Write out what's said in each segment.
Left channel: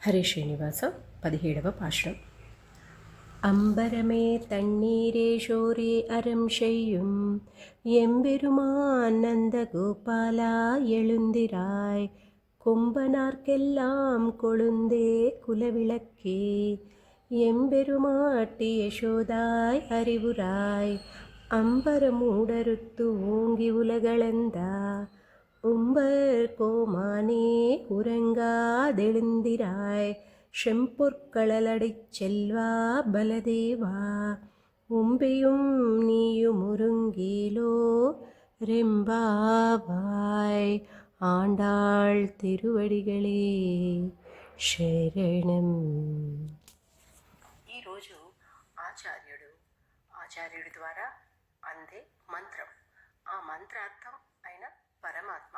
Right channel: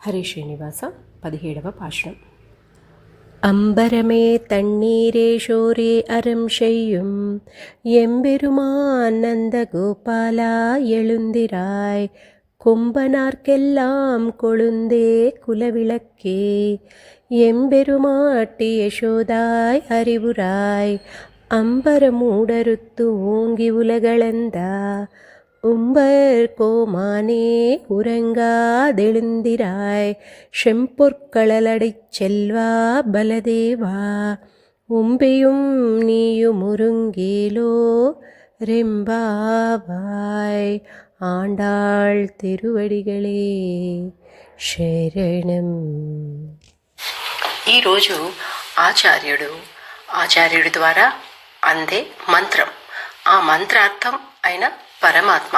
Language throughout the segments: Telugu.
హరే శ్రీనివాస 17వ పాశురం. அம்பரமே தண்ணீரே ஷோரே அறம் செய்யும் எம்பெருமான் நந்த கோபாலா எழுந்திராய் கொம்பனார்க்கெல்லாம் கொழுந்தே குலவிளக்கே எம்பெருமாட்டி யசோதாய் அறிவுராய் அம்பரமூடறுத்து ஓங்கி உலகளந்தா உம்பர் கோமானே உறங்காதெழுந்திராய் செம்பொற்களலடைச் செல்வா பலதேவா உம்பியும் நீயும் உருங்கேலோ ரெம்பாவாய். ఆండాళ్ తిరువడిగళే శరణం. ఈరోజు ఆచార్యుడి ద్వారా అందే మంత్రం, ఆ మంత్రార్థం అయిన పరమాత్మ,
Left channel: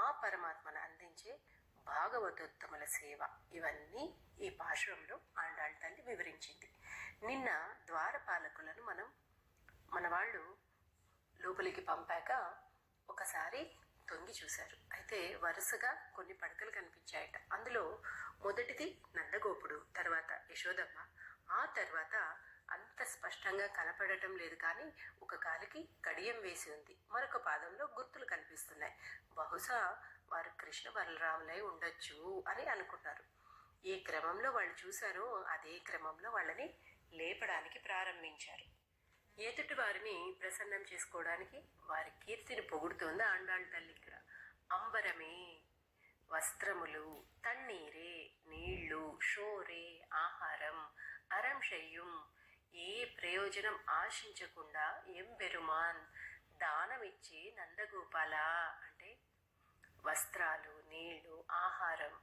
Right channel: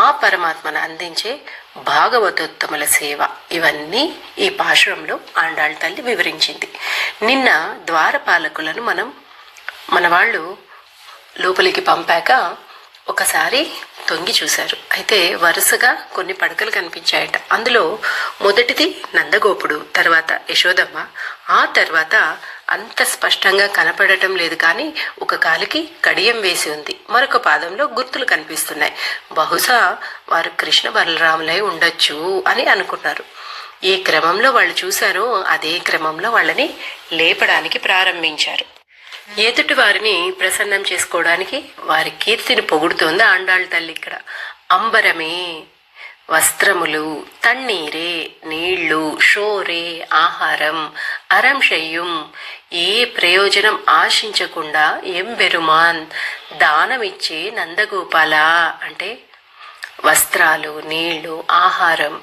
ఆ పరమాత్మను అందించే భాగవతోత్తముల సేవ, ఇవన్నీ ఈ పాశురంలో ఆండాళ్ తల్లి వివరించింది. నిన్న ద్వారపాలకులను మన వాళ్ళు లోపలికి పంపాక ఒకసారి తొంగి చూశారు. అయితే వరుసగా కొన్ని పడకలు కనిపించాయట. అందులో మొదటిది నందగోపుడు, తర్వాత యశోదమ్మ, ఆ తర్వాత అంత స్పష్టంగా కనపడటం లేదు కానీ ఒక కాలికి కడియం వేసి ఉంది, మరొక పాదంలో గుర్తులు కనిపిస్తున్నాయి. బహుశా వారు కృష్ణ బలరాములై ఉండొచ్చు అని అనుకున్నారు. ఏ క్రమంలో వాళ్ళు చూశారో అదే క్రమంలో వాళ్ళని లేపడానికి ప్రారంభించారు. ఎదుటి వారిని ప్రసన్నం చేసుకోవడానికి వారి కీర్తిని పొగుడుతోంది ఆండాళ్ తల్లి. ఇక్కడ అంబరమే వస్త్రములు, తన్నీరే నీళ్లు, షోరే ఆహారం, అరం షయ్యం ఏ ప్రయోజనం ఆశించకుండా ఎంబెరుమాన్ దానమిచ్చే నందగోపాల అంటే వస్త్రాలు, నీళ్లు, ఆహారం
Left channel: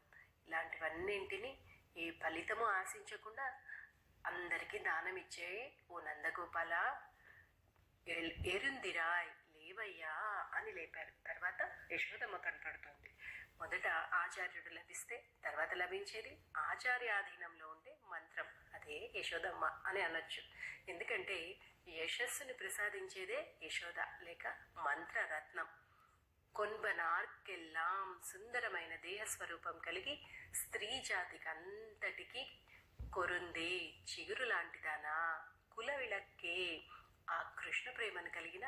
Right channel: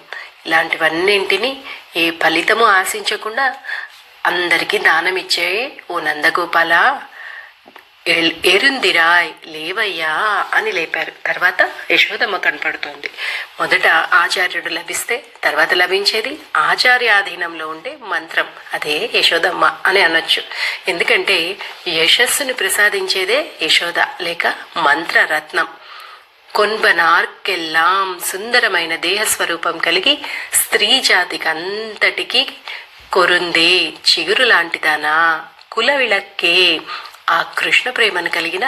ఇలాంటివన్నింటినీ ఏ ఫలితము ఆశించకుండా అందరికీ దానం ఇచ్చే ఓ నందగోపాల ఎరుందిరాయ్ లేవయ్యా అని లేపారు. తర్వాత యశోదమ్మ కనపడుతోంది. మొదట ఆచార్యుడు లభిస్తే తర్వాత లభించేది ఆచార్యాధీనంలో ఉండే మంత్రం, అదే యశోదమ్మ అని అనొచ్చు. ఎందుకంటే యశస్సుని ప్రసాదించేదే యశోద లేక మంత్రరత్నం. కొన్బనార్కెల్లాం సుందరమైన దేహస్వరూపం కలిగి స్త్రీ జాతికి అంతటికీ కొరుందే చిగురు లాంటిదానా, కుల విళక్కే ఆ కృష్ణ ప్రేమను కలిగిన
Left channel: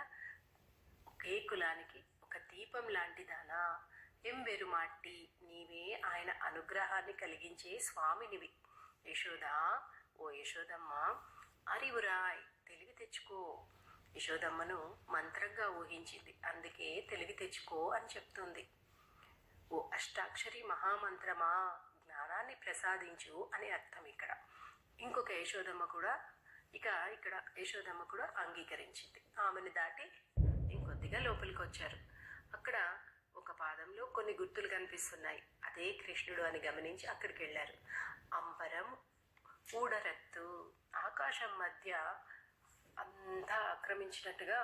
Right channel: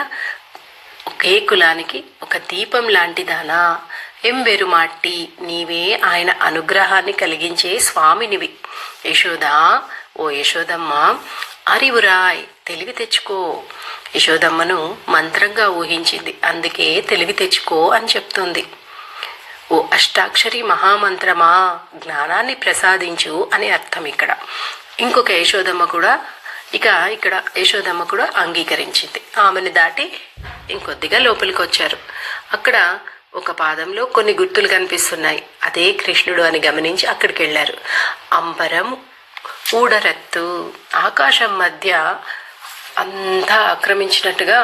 ఒకే కులానికి ఒక దీపం లాంటిదానా, ఎంబెరుమాట్టి నీవే ఆయన అనుగ్రహాన్ని కలిగించే స్వామినివి. యశోదా ఓ యశోదమ్మ అరివురాయ్ తెలివి తెచ్చుకో. యశోదమ్మను మంత్రంగా ఊహించింది, అందుకే తెలివి తెచ్చుకో అని చెప్తుంది. ఓ అష్టాక్షరి మహామంత్రమా జ్ఞానాన్ని ప్రసాదించు అని అర్థం. ఇక్కడ ఇంకొక యశోదమ్మ కూడా ఇక్కడ యశోదమ్మ కూడా అంగీకరించింది. ఆమెను దాటి ఇంకొద్దిగా లోపలికి వచ్చారు. అక్కడ ఒక పాదంలో కొన్ని గుర్తులు కనిపిస్తున్నాయి, అదే కృష్ణుడు అని గమనించి అక్కడికి వెళ్ళారు. అంబరం ఊడరత్తు ఆకాశం మధ్య అంతా ఆక్రమించినట్టుగా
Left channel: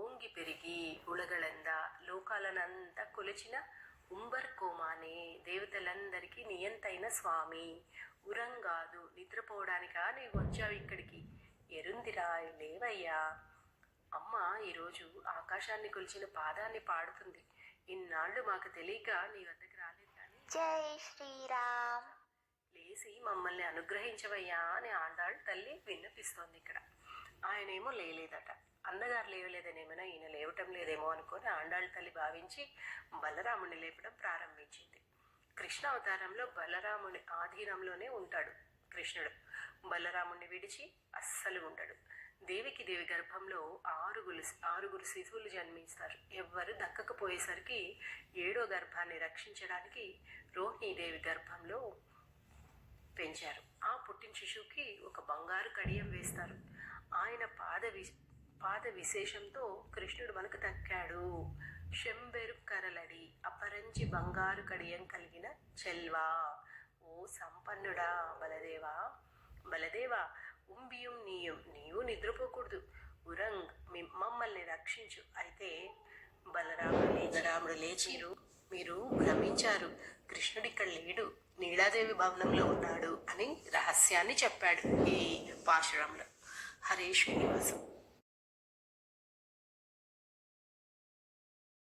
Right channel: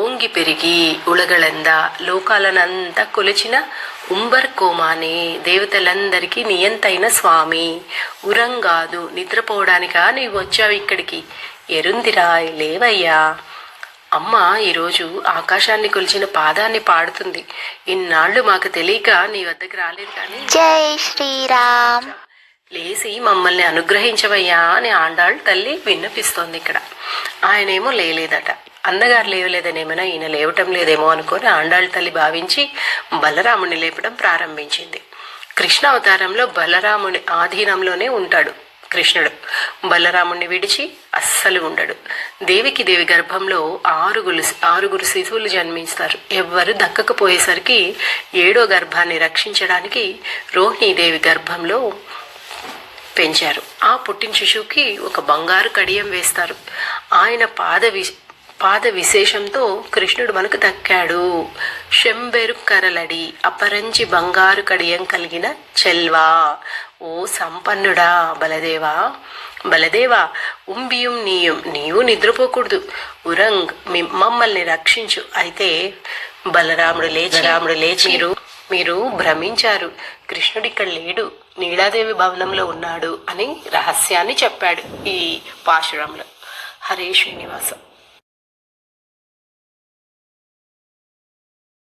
ఓంగి పెరిగి ఉలగళంద లోకాలనంతా కొలిచిన ఉంబర్ కోమానే దేవతలందరికీ నియంతైన స్వామి. ఉరంగాదు నిద్రపోవడానికా నీవు వచ్చావు ఇక్కడికి, ఎరుందిరాయ్ లేవయ్యా. అమ్మ ఈరోజు ఆకాశాన్ని కొలిచిన పాదాన్ని పాడుతుంది. ఇన్నాళ్ళు మాకు తెలియక నీ వద్దకు రాలేదు కానీ జై శ్రీరామ్ లేచి మమ్మల్ని అనుగ్రహించవయ్యా అని ఆండాళ్ తల్లి విన్నపిస్తోంది. ఇక్కడ ఆయనేమో లేదట. అన్నగారు లేవలేదనేమైనా ఈయన లేవటం లేదేమో అనుకొని ఆండాళ్ తల్లి భావించి బలరాముని లేపడం ప్రారంభించింది. కృష్ణ అవతారంలో బలరాముని ఆధీనంలోనే ఉంటాడు కృష్ణుడు. బలరాముణ్ణి విడిచి అస్సలు ఉండడు. దేవికి దేవి గర్భంలో ఆరుగురు శిశువులు జన్మిస్తారు. ఎవ్వరు దక్కకపోయేసరికి 7వ గర్భాన్ని రక్షించడానికి రోహిణీదేవి గర్భంలో పెంచారు. ఆ పుట్టిన శిశువుకి ఒక బంగారు కడియం వేస్తారు. ఆయన పాద విశేషంతో కృష్ణుడు మనకు దక్కాడు. శంబెరు కరలడి అపరంచి బంగారు కడియం కలిగిన చెల్వా ఓ సంపన్నుడా బలదేవా ఉంబియం నీవు నిద్రపోకూడదు. ఉరంగ్ మమ్మల్ని రక్షించు. అయితే బలరాముడు లేచి మీరు భ్రమించారు, కృష్ణుడు ఇక్కడ లేడు, నీలాదేవి భవనంలో ఉన్నాడు అని రహస్యాన్ని చెప్పాడు ఈ పాశురంలో. హరే శ్రీనివాసం.